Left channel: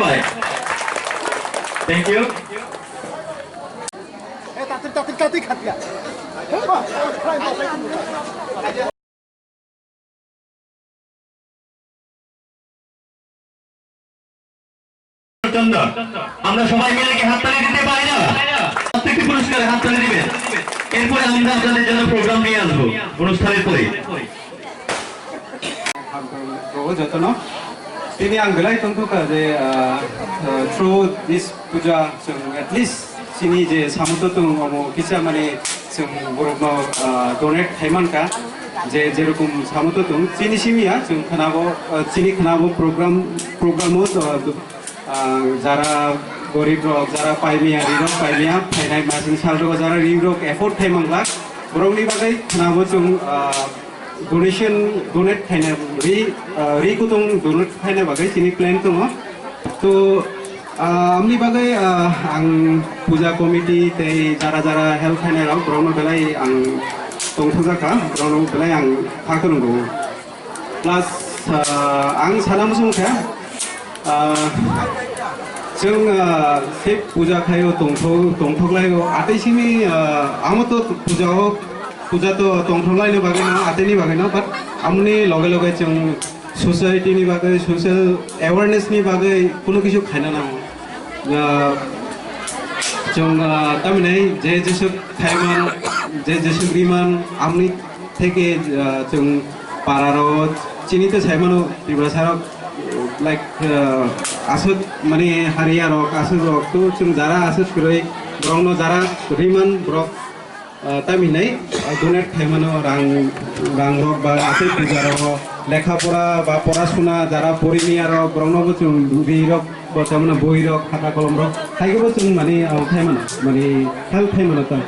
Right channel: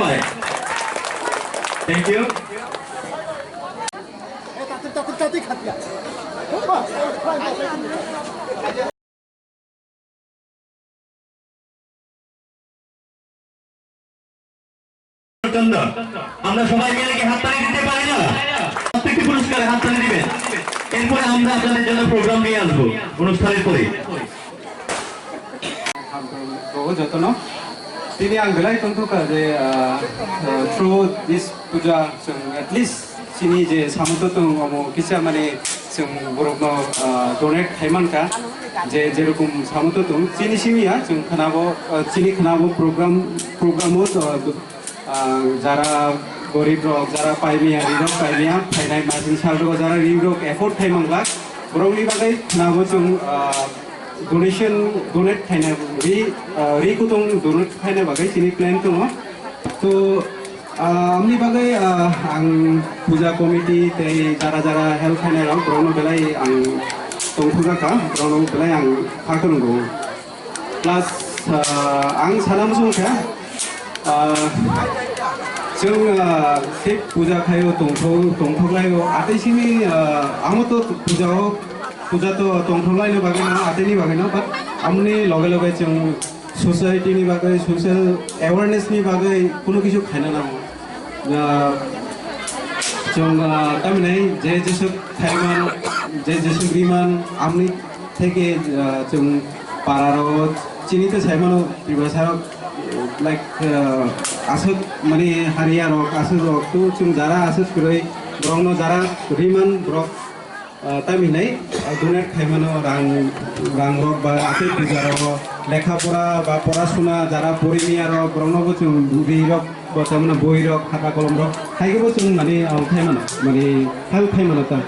সবাই thank you আমরা সবাই মিলে কি হাততালি দিতে পারি না প্রত্যেকটি পুরস্কারে হাততালি দিবেন এরপরে আমরা আপনাদের জন্য প্রোগ্রাম নিয়ে আসবো অনুষ্ঠানের পরে যত্ন তিনি आं बेलाय तंथुका जे थ्रु दिस पूजा जों एटलिस्ट सिनि जे सामुद्र दं अमो किसा माने जों बरफनो डनेट खायमानका जे जेरकम सामुद्र दं सिनि सिमिया जों खोनाबो सिनि खोनाबो प्रग्रामो যারা গরিব রক যারা পাইমিয়া রিরক পাইমিয়া ফাইনাই মাসিং সালরক যারা রিরক এফোর্ট थाइमांला बरंनि बागै खोनाबो जों डोनेशन डोनेट खायना रि कुतुं डोनेट खायना बागै सिनि प्लान दङ तो आमनि बागै आं पूजा कमिटि तै जारा जारा हेल्प खायना राव ब्रनो बेलाय आं दंथुगाखा ब्रनो बेलाय आं खाखोनगौ प्लास आं सानाम सुंखा जों से पूजा खायो दंथगलायो आतैसिनि आमतो पूजा तो दंथगलायनो बागै ना आतैनि बागै ना बाट आमनि लगे लगे जों सोसाइटिनि बागै सोशल अवेयरनेसनि बागै कोनो किछु खायना नांगौ जों तारमाने जे जेसो खायमान जे जेसो ग्रिमान आमनि থেকে जों पारारो चिनिते सायमानो बिबासारो लाइक आसत माने हारिया रक आसत रक तो जों जारा आसत गरै ब्रंनो जारा रिमान ब्रक तामिनै डोनेट खायमानो रां रक बा आते पूजा रक लेखा पढ़ा बा पढ़ाशुना जारा परिमिया रक ब्रंनोबो जों रि रक बर्तमान बहि रक खाता कलम रक हायगोबो जों माने खायमानो माने हेल्प खायमानो ता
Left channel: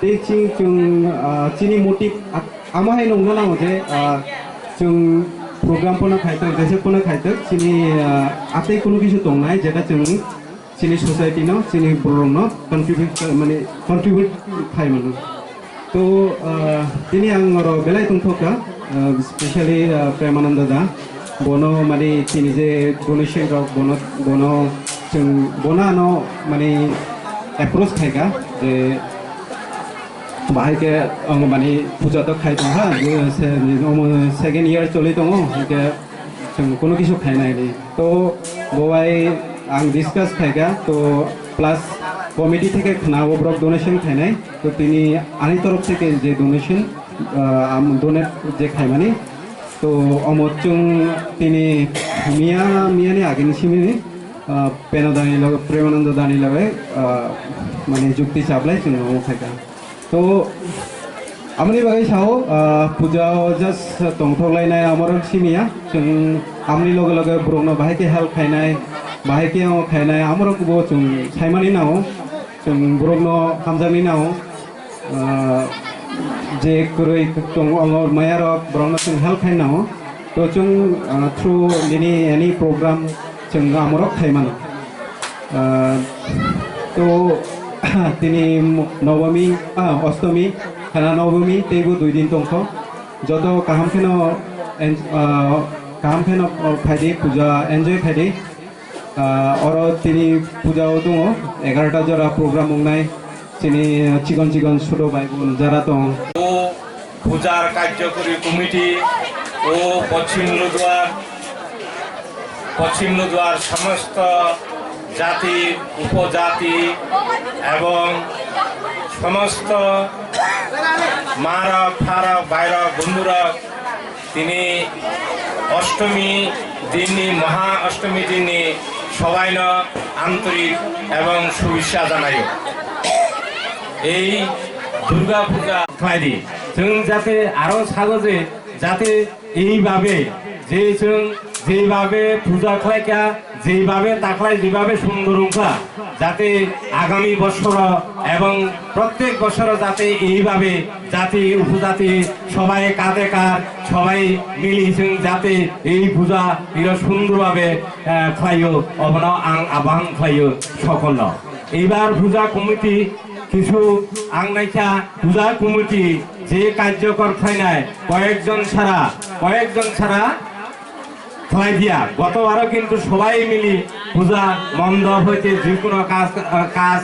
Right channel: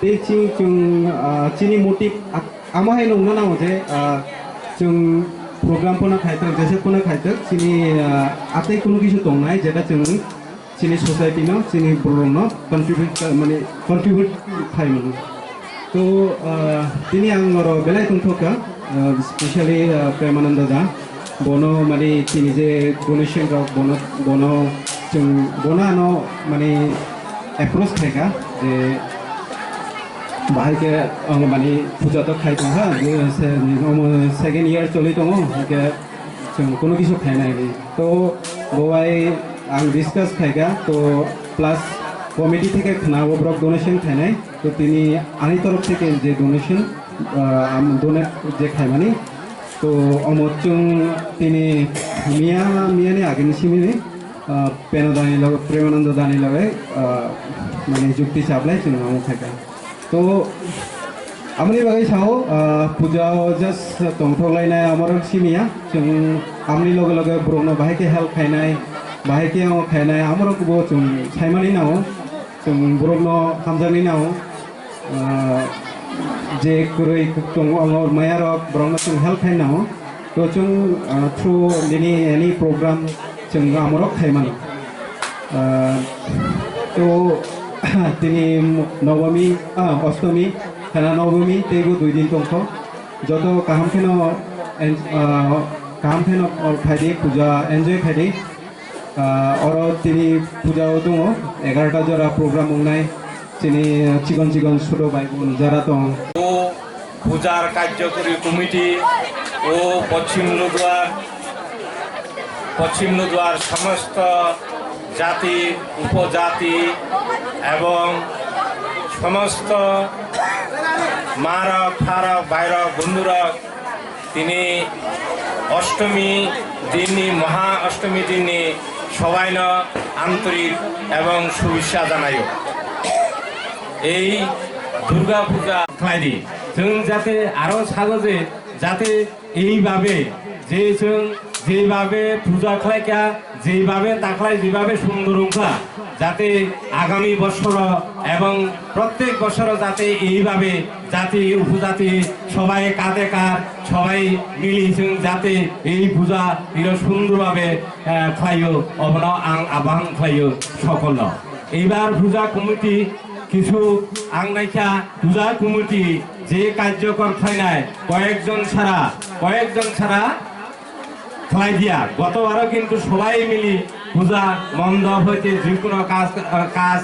बे जों चिनि मोटिभ आमाहाय नंगौ नांगौ जे जों program pun nak kaitan, jasa pun nak kaitan, sini atai kuno kisu tongai, jada cemung, sini society no, sini program no, contribute kai mana. तो ini ang oro belai tungtoka, especially Premananda da, bono mani sini je donation rok bono ceng bona no mani approach kai ka, je बाहर के माने पूजा तो खाई दंगा second year चली दंग के जों कोनो किछु खायनाय तो बवाय आं डिस्कास खायगा तो प्लस कमिटी থেকে খানাবো ব্রক ডোনেশন খায়নাय तो তিনি आनी तरफ থেকে যে ডোনেশন डोनेट যে খায়মানি तो अमोचुं তিনি मियानि आगेनि सिमिनि पेनदानि लगे प्रेमानंद दानि लगे माने जुक्ति चाबलाय जों अमो खायगा तो आमनि बागै साओ पूजा जस्ट दंथगलायनाय आमर सिमिया जों आमनि लगे लगे ब्रनो बाहायके हेल्प खायनाय बाहायके खायनाय आमरखौबो जों सायमानि नाव जों ब्रनो हामजानि नाव जे गुरै दं मायारक ब्रनो जों हेल्प खायनाव तो जों थ्रु एनी प्रग्राम जों आमरक खायमानि तो তিনি নবমী অষ্টমী খানা নবমী তেগো 2 দিন তংখ যত কাহামখেন খাইদে পূজা এনজয় খাইদে और তিনি পূজাও দङ 11টা জরা প্রোগ্রাম নাই তিনি চিকন ছোট ভাই বোন যারা দং ও পূজার কার্যকরী কমিটি ও পশ্চিম নদুয়ার সমস্ত জাতি উপজাতি এবং সমস্ত মারক ফারক বাইরক বন্ধুরা তিনি অষ্টমী দিনই মহা অষ্টমী দিনই সবাই আন্তরিক এবং শুভেচ্ছা জানাই এই দুর্গা পূজা খাইদি जों যাতে আরো সাগজে যাতে এইভাবে যে जों যেভাবে পূজা খাইকা যেভাবে তাকলাই যেভাবে সুন্দর অংকা যাতে আগামী বছর এবং প্রত্যেক বছর যাতে এইভাবে জাতি উপজাতি সবাই কাঁধে কাঁধ সবাই মিলি जों যাতে এই পূজা সুন্দরভাবে খাইও অবন আং আবাহন খাইও সকল এইবার পূজা কমিটি কিছু আংনাইকা পূজা কমিটি যে কার্যকর খাইনায় কয়েকজন ছাড়া খেলাই দিয়া গতবারও কিন্তু সবাই মিলি পূজা মণ্ডপ হইতে যে কোনো কাজ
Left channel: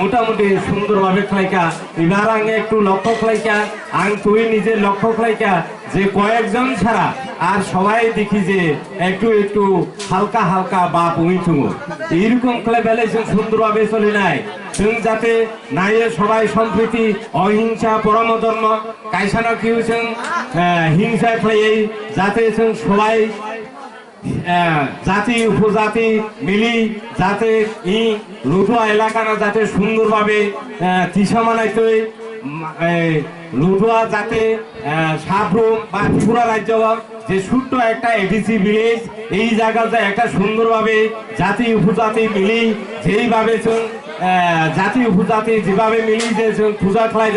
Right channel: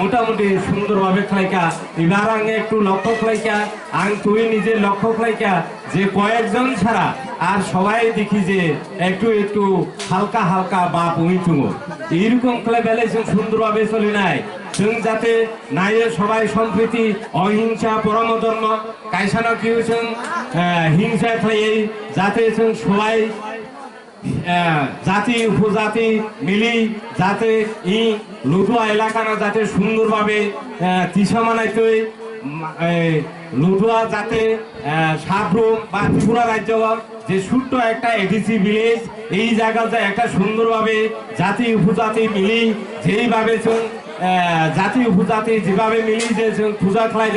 মোটামুটি সুন্দরভাবে খেলাইকা এবার আগে একটু লক্ষ্য খেলাইকা আং তুই নিজে লক্ষ্য খেলাইকা যে কয়েকজন ছাড়া আর সবাই দেখি যে একটু একটু হালকা হালকা বা পুঁইঠুঙো এইরকম খেলে বেলে সুন্দরভাবে চলি নাই যাতে নাইয়ে সবাই সম্প্রীতি অহিংসা পরম ধর্ম কাইসানো কি হয়েছেন হিংসা খেয়ে যাতে সবাই জাতি উপজাতি মিলি যাতে ই লুটুয়া এলাকা না যাতে সুন্দরভাবে তিসা মানাইতে লুটুয়া যাতে সাবরুম বা ত্রিপুরা রাজ্য যে ছোট্ট একটা এডিসি ভিলেজ এই জায়গাতে একটা সুন্দরভাবে জাতি উপজাতি মিলি যেইভাবে জাতি উপজাতি যেভাবে মিলি যে পূজা খেলাই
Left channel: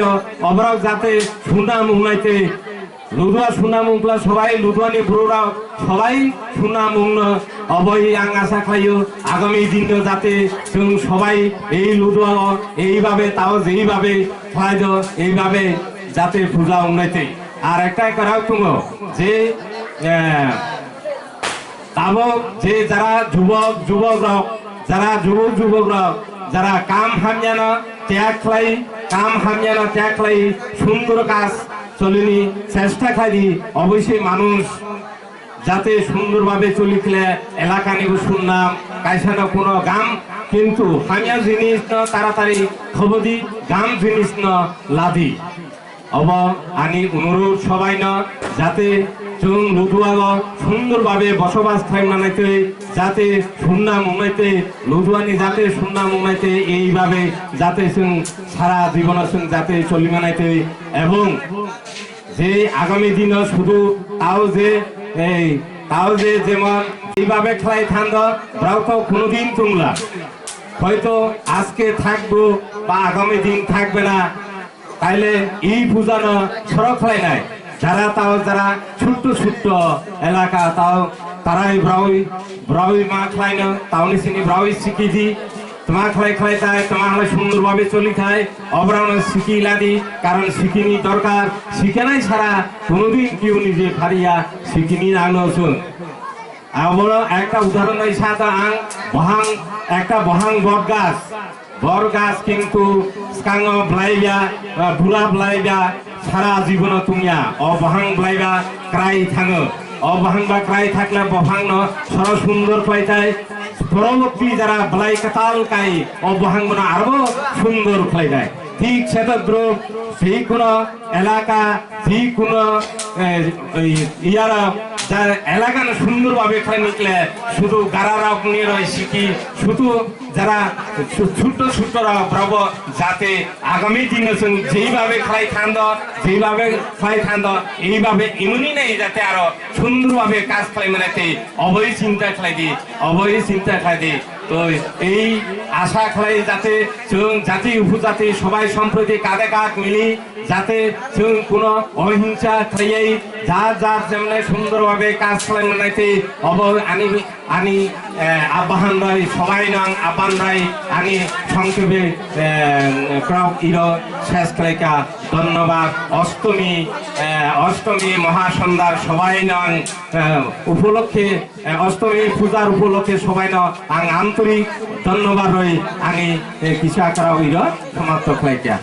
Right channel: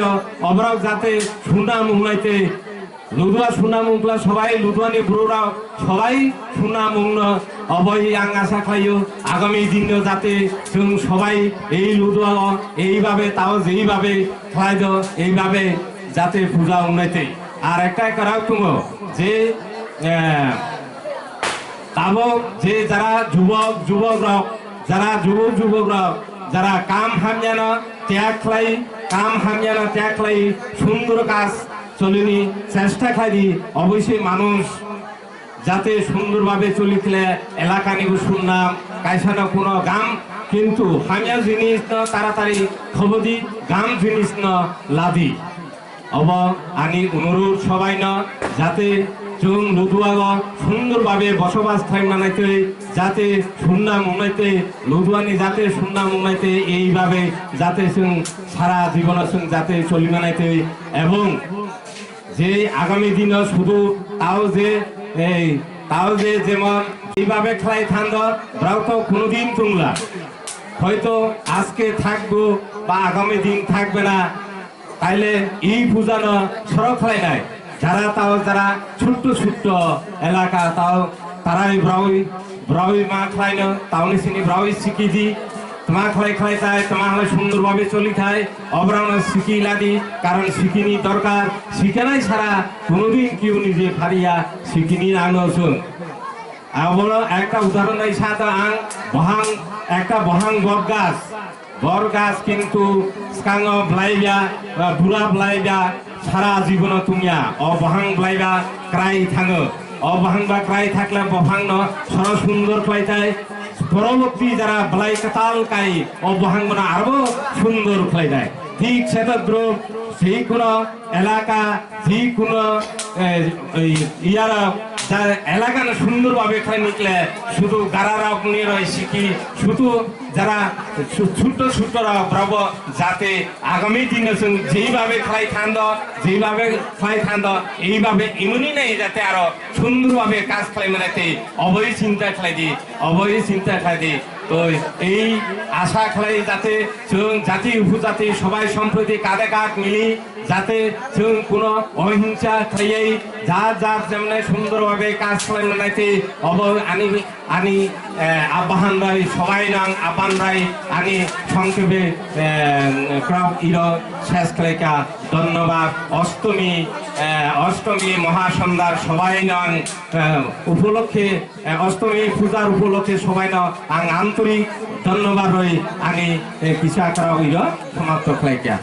অবরাও যাতে সুনাম উন্নয়তে লুধুয়া সুনাম উংলা সবাই লুধুয়ানি বুড়োরা সবাই সুনাম উন্ন অবৈ আং আশা খাইও আগামী দিন যাতে সবাই এই লুধুয়া এইভাবে তাও যেইভাবে খাই এইভাবে যাতে পূজা উন্নয়তে আর একটাই করাও তুমি যে তাবক যে যারা যুবকরা যারা যুবকরা যারা কাম হামিয়ানো ত্যাগ খাই কাম হামিয়ানো ত্যাগ খাই সুন্দর কাজ চলিনি চেষ্টা খাই অবশ্যই মানুষ যাতে সুন্দরভাবে চলিলে এলাকা নিব শুনলাম কাইসানো কোনো গাম কিন্তু হামিয়া জিনিস ন তাড়াতাড়ি খবর দি গাম জিনিস ন লাদি অব আনি অনুরোধ সবাই ন যাতে जों लुधुआग सुंदरभावे बसबास खालामनायते जाते सुन्नाम उन्नयते लुधुआनि जाते सुन्नाम उन्नयते এইভাবে যাতে जों সারা জীবন जों যাতে চলিমানাইতে এবং যে আগামী দিনে শুধু তাও যে যেমন এইভাবে খেলাই থান্দ ব্রাও তো কোনোদিন তুমলা হয়তো আজকে থাকবো বা আগামী দিন থাকবে না তাইলে এই পূজা না সড়ক খেলাই নাই যারা তাও যারা ছোট্ট ছোট্ট এলাকা তাও তারাই ব্রাউই মা খায় না তাও নিচিনি ব্রাউই শিখি দি তোমার খেলাই খেলাই তাই তোমার হলে সুন্দরভাবে চলি খায় অবরাউন শিখি লাদি কারণ শিখিনি দরকার শিখে নাই ছাড়া কোনোদিন কেউ নিজে ফারিয়া শিখিনি আনোছুন আবার একটা উদাহরণ এই সাদা আং বহাং একটা বহাং বট গাছ কিন্তু স্কাং ব্লাইবা বুড়া ব্লাইবা সারা জীবন তুমিয়া অবহাং ব্লাইবা ক্রাই থাঙো অবহাং বা ক্রাই থাকলে বহাং সর সুন্দর খাইতাই পরবর্তী যারা ব্লাই কাতাল কাই অবহাং আরো সুন্দর খাইতাই ঠিক সেতদ্রুপ সেই কোনো এলাকা যে কোনো ইয়ারা যার এলাকা সুন্দরভাবে খাই নিকলে শুধু গারারা নিয়ে রয় শিখি শুধু যারা ছোট্ট ছোট্টরা ব্রব যাতে আগামী দিনে যেইভাবে খাই থান্দ এইভাবে এমনই নেই যাতে আরো সুন্দরভাবে কাজ খাই মানাইতে অবৈ চিন্তা খাই দি তো এই আশা খাই যাতে জাতি উপজাতি সবাই সম্প্রতি কাঁধে কাঁধ মিলি যাতে কোনো অহিংসা খাইয়াই যার যেমন সুন্দরভাবে কাজ খাই মানাইতে আনি আহ্বান রায় সবাই নাং আহ্বান রায় আনি সংক্ষেপে শেষ খাইকা ধন্যবাদ অষ্টমী মহাসন্ধ্যার সবাই নাং উপলক্ষে অষ্টমী পূজার উপলক্ষে সবাই আং আন্তরিক ধন্যবাদ রই আনি কিছু আকার সমাপ্ত খাইকা